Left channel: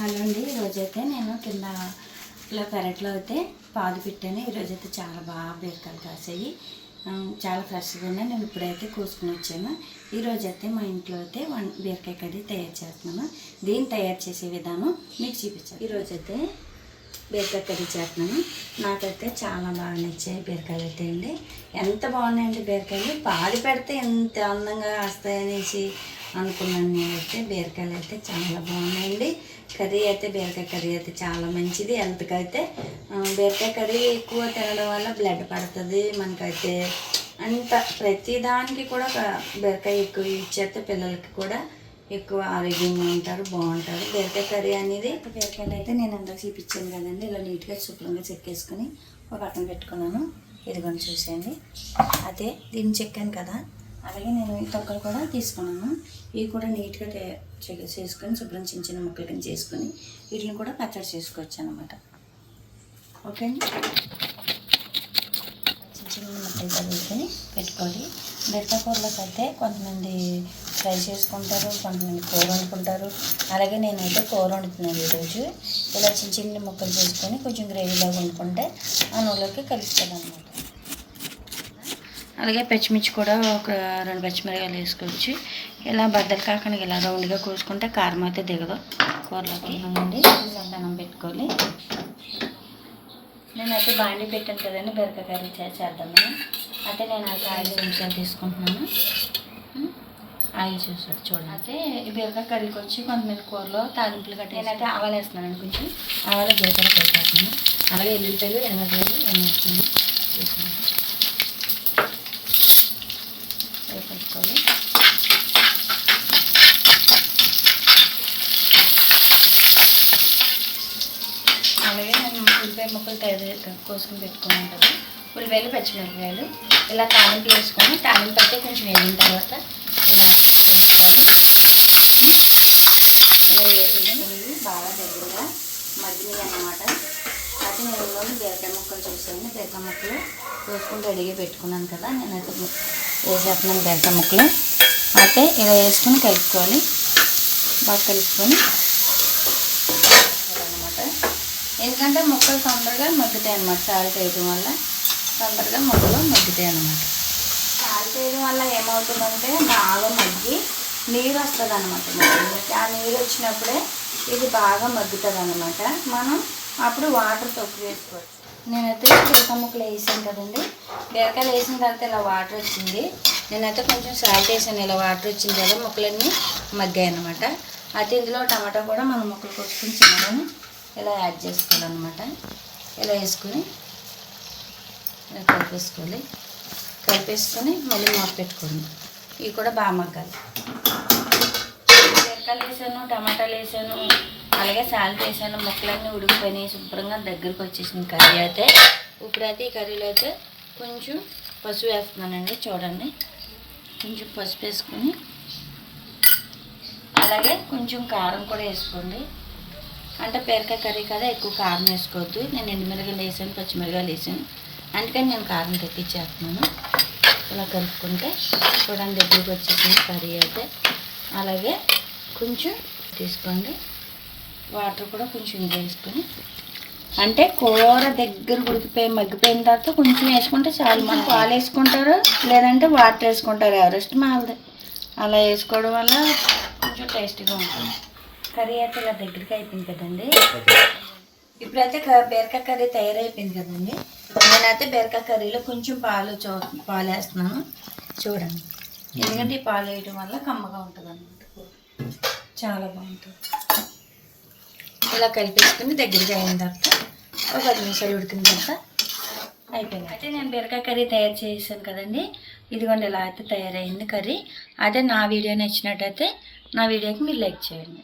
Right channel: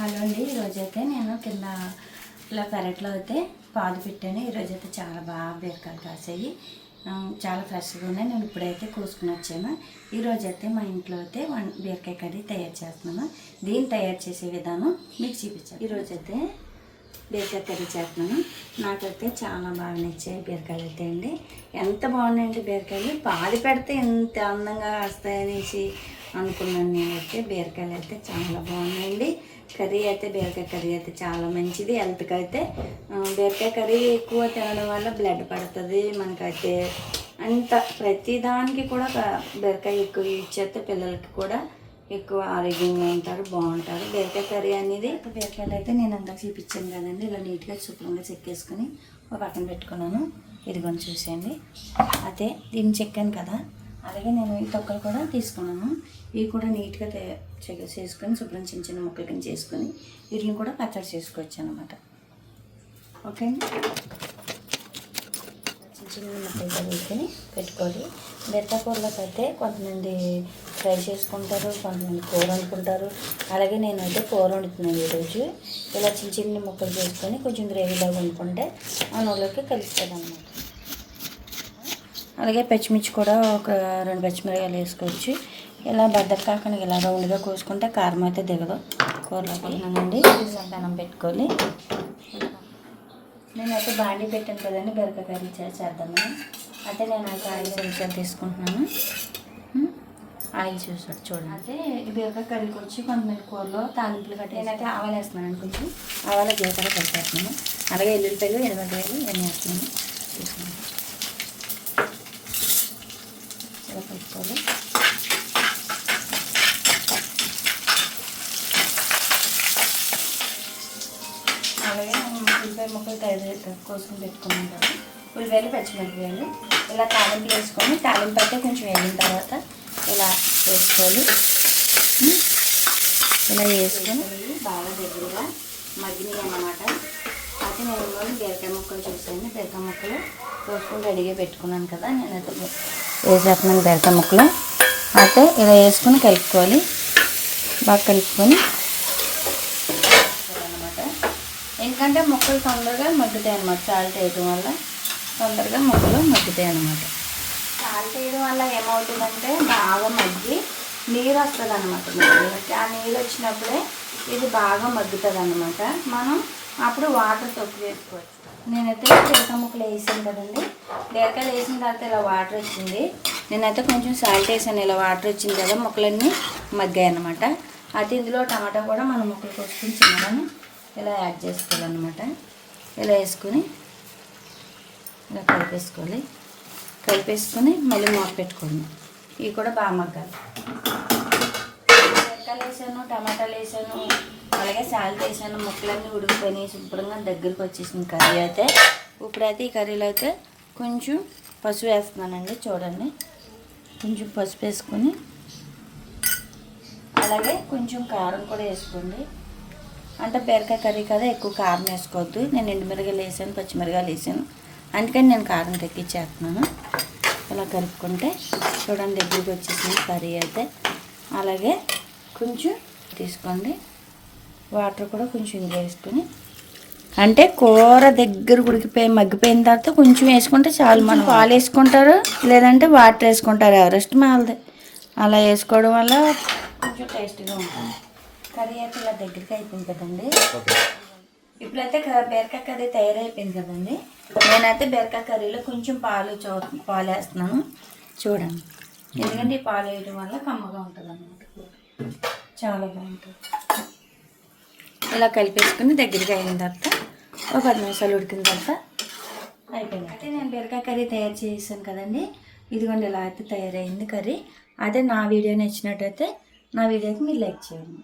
Hello అండి ఈరోజైతే నేను కింద ఇలా పెరట్లో అయితే పాలు పెట్టాను. ఈరోజైతే చాలా బాగా బీరకాయలు కాసాయి. చాలా ఫ్రెష్గా ఉన్నాయి. నేను ఇప్పుడైతే కోసుకుని వచ్చాను. ఈరోజైతే మా ఇంట్లో అయితే వన్ బీరకాయ కర్రీ తయారు చేస్తున్నాను. దీన్ని తయారు చేసే విధానం మీకు చూపించాను ఈరోజైతే బీరకాయ కర్రీ చేస్తున్నాను. నాకైతే చాలా బాగా నచ్చాయి బీరకాయలు అయితే అండి. ఎంత బాగున్నాయంటే బీరకాయలు? పాది పెడితే ఎంత అందంగా వస్తాయనేసి అనుకున్నాను నేనైతే. బీరకాయలు అయితే చాలా బాగున్నాయండి. కర్రీ అయితే బీరకాయ కర్రీ అయితే చాలా మంచిది. హెల్త్కి అయితే బీరకాయ కర్రీ ఎక్కువ తినడం వల్ల బ్లడ్ పడుతుంది మనకైతే. అంత ప్రతిదానికి కూడా బీరకాయ ఎక్కువ యూజ్ చేస్తే పిల్లలకి కూడా ఎక్కువ ఆరోగ్యంగా ఉంటారు బాగుంటారు. బీరకాయ కర్రీ అనేది బీరకాయలు అయితే నేను అందాక చూపించాను కదండి. ఇలా నీట్గా శుభ్రంగా చెక్కేసుకుని ఒక పక్కన పెట్టుకున్నాను. ఇదిగోని చూసేయండి. అదే దీన్ని చెక్కాను కదా. అలాగే నేను ఈ తొక్కలు కూడా తీసుకున్నాను. ఇవి కూడా నీట్గా తే చేసుకొని శుభ్రం చిన్న చిన్న ముక్కలు కింద చేసుకొని వీటిని కూడా పచ్చడి చేసుకోవచ్చు అనమాట ఓకే అండి చిన్న చిన్న ముక్కలు తగులుకొని పెట్టుకోవాలి. కూరలోకి అయితే కొంతమంది ఫ్రై చేసుకుంటారు కొంతమంది కూర వండుకుంటారు. అలాగే నేనైతే కూర వండుతున్నాను ఈరోజు. ఇలా చిన్న చిన్న ముక్కలు చేసుకొని కొంచెం గ్రేవీలాగా వండుకుంటే ఆ అన్నంలోకి కలుస్తుంది అనమాట అలాగే పచ్చిమిర్చి కూడా ఒక రెండు పచ్చిమిరకాయలు వేసుకోవచ్చు. ఇలా బద్దలు కాకుండా ఇలా రౌండ్గా కోసుకుంటే కారం అయితే దిగదు. కూరలోకి. ఇలా పెనం పెట్టుకోవాలి. నేనైతే బాండి పెట్టాను కదండి బెరకాయ కర్రీ చే- చేద్దామని. అయితే నేను అయితే ఆయిల్ చెంచాలు తీసుకుంటున్నాను. ఆయిల్ చూసాడు చూడండి. అయితే ఈ బీరకాయ కర్రీకి వచ్చి కొంతమంది కూరలో తాలింపులు కట్టి నేనైతే ఆవాలు వేస్తున్నాను కొంచెం. ఆవాలు జీలకర్ర కలిపేస్తున్నాను. అలాగే ఎల్లుల్లిపాయలు ఎర్రగడ్డలు ఇవన్నీ వేస్తున్నాను తీసుకున్నాను ఇలా పెట్టుకోవాలి అలాగే నేను ఉల్లిపాయ ముక్కలు తయారు కోసుకుని పెట్టుకున్నాను. కదా ఉల్లిపాయలు పచ్చిమిరపకాయలు ఇలా తాలింపు వేసుకొని తాలింపు అయితే కొంచెం వేగిన తర్వాత ఇలా వేసుకోవాలి ఇలా వేసుకుని బాగా దగ్గరగా మగ్గినాయి అన్నమాట. అయితే నేను ఇందులో బీరకాయ ముక్కలు చూసాను బీరకాయ ముక్కలు కోసుకొని రెడీగా పెట్టుకున్నాను కదా నేనైతే వేసేస్తున్నాను బీరకాయ ముక్కలు. అయితే ఇలా వేసుకొని కలుపుకోవాలి. బాగా కలుపుకొని అనమాట ఎందుకంటే ముక్కలు తొందరగా మగ్గుతాయి అన్నమాట. సాల్ట్ వేయడం వల్ల తొందరగా ముక్కలు మగ్గుతాయి అన్నమాట. సాల్ట్ వేయడం వల్ల ఏమవుతుందంటే బాగా మగ్గి నీరు వస్తుంది అనమాట ముక్కలకి ఆ నీరు వచ్చినప్పుడే ఇది బాగా మగ్గుతుంది అనమాట మనం అప్పుడు వాటర్ తొక్కు వేసుకోవచ్చు నేనైతే బీరకాయ ముక్కలు వేసాను కదండి. బీరకాయలు వేసిన తర్వాత ఇలా వాటర్ వచ్చింది. నేనైతే కొంచెం సాల్ట్ వేసాను. ఇలా వాటర్ వచ్చింది కదా ముక్కలన్నీ మగ్గాయి అనమాట అయితే ఇందులో టమాటా కూడా మనం ముక్కలు కొట్టుకుని చిన్నగానే ఇలా యాడ్ చేసుకోవాలన్నమాట. ఇలా వేసుకొని ఇలా కలిపేసుకోవాలి. కలిపేసుకొని మళ్ళీ మూత పెట్టుకోండి ఇవి కూడా బాగా మగ్గాలి. చెక్కలు వేసాను టమాటాలు వేసాను అలాగే సాల్ట్ వేసాను. ముక్కలన్నీ ఉడికిపోయినాయి. శుభ్రంగా దగ్గరికి వచ్చేసింది కర్రీ అయితే. ఇప్పుడైతే ఈ కర్రీలో అయితే కొంచెం పసుపు వేస్తున్నానండి చూడండి. కొంచెం పసుపు వేసుకొని అలాగే కొంచెం కారం కూడా వేసుకోండి. అంటే బీరకాయ కర్రీ కదా ఎక్కువ కారం వేసుకోవద్దు. నేను ఎండుమిరగాయలు వేసాను పచ్చిమిరగాయలు వేసాను. అందుకని నేను కారం తెప్పించేస్తున్నాను ఇలా కలుపుకుంటే చూడండి దగ్గరికి వచ్చేసింది కర్రీ అయితే. అలాగే కొంచెం తీసుకోండి. వాటర్ కూడా కొంచెం ఇది వేసుకొని. అంటే కూర దగ్గర ఉడికిపోయి మగ్గిపోయిన తర్వాత కొంచెం వేసుకుంటే చాలు. మనం పాలు వేసుకుంటారు లేదంటే వాటర్ వేసుకుంటారు. ఎవరెస్ట్ మాలది. అలా వేసుకోవడం వల్ల కొంచెం టేస్టీగా ఉంటుంది. కర్రీ అయితే ఇలా దగ్గరికి అయిపోయింది కదండి. ఇప్పుడైతే బీరకాయ కర్రీ తయారైపోయింది కదండి. నేనైతే బీరకాయ కర్రీలో కొంచెం పాలు చూ పాలు వేస్తున్నాను చూడండి. ఎందుకంటే ఈ పాలు వేయడం వల్ల కమ్మగా ఉంటుంది అన్నమాట చాలా బాగుంటుంది. ఇలా కలిపేసుకుని దగ్గరికి అయిన తర్వాత ఒక పది నిమిషాలు ఉడికిన తర్వాత అయిపోయింది. అయితే నేను బీరకాయ కర్రీ తయారు చేసాను కదండి. ఇదిగోండి ఇలా అయితే తయారైంది కర్రీ. అదే నా వీడియో నచ్చినట్టయితే నా వీడియోకి మీరు లైక్ చేయండి.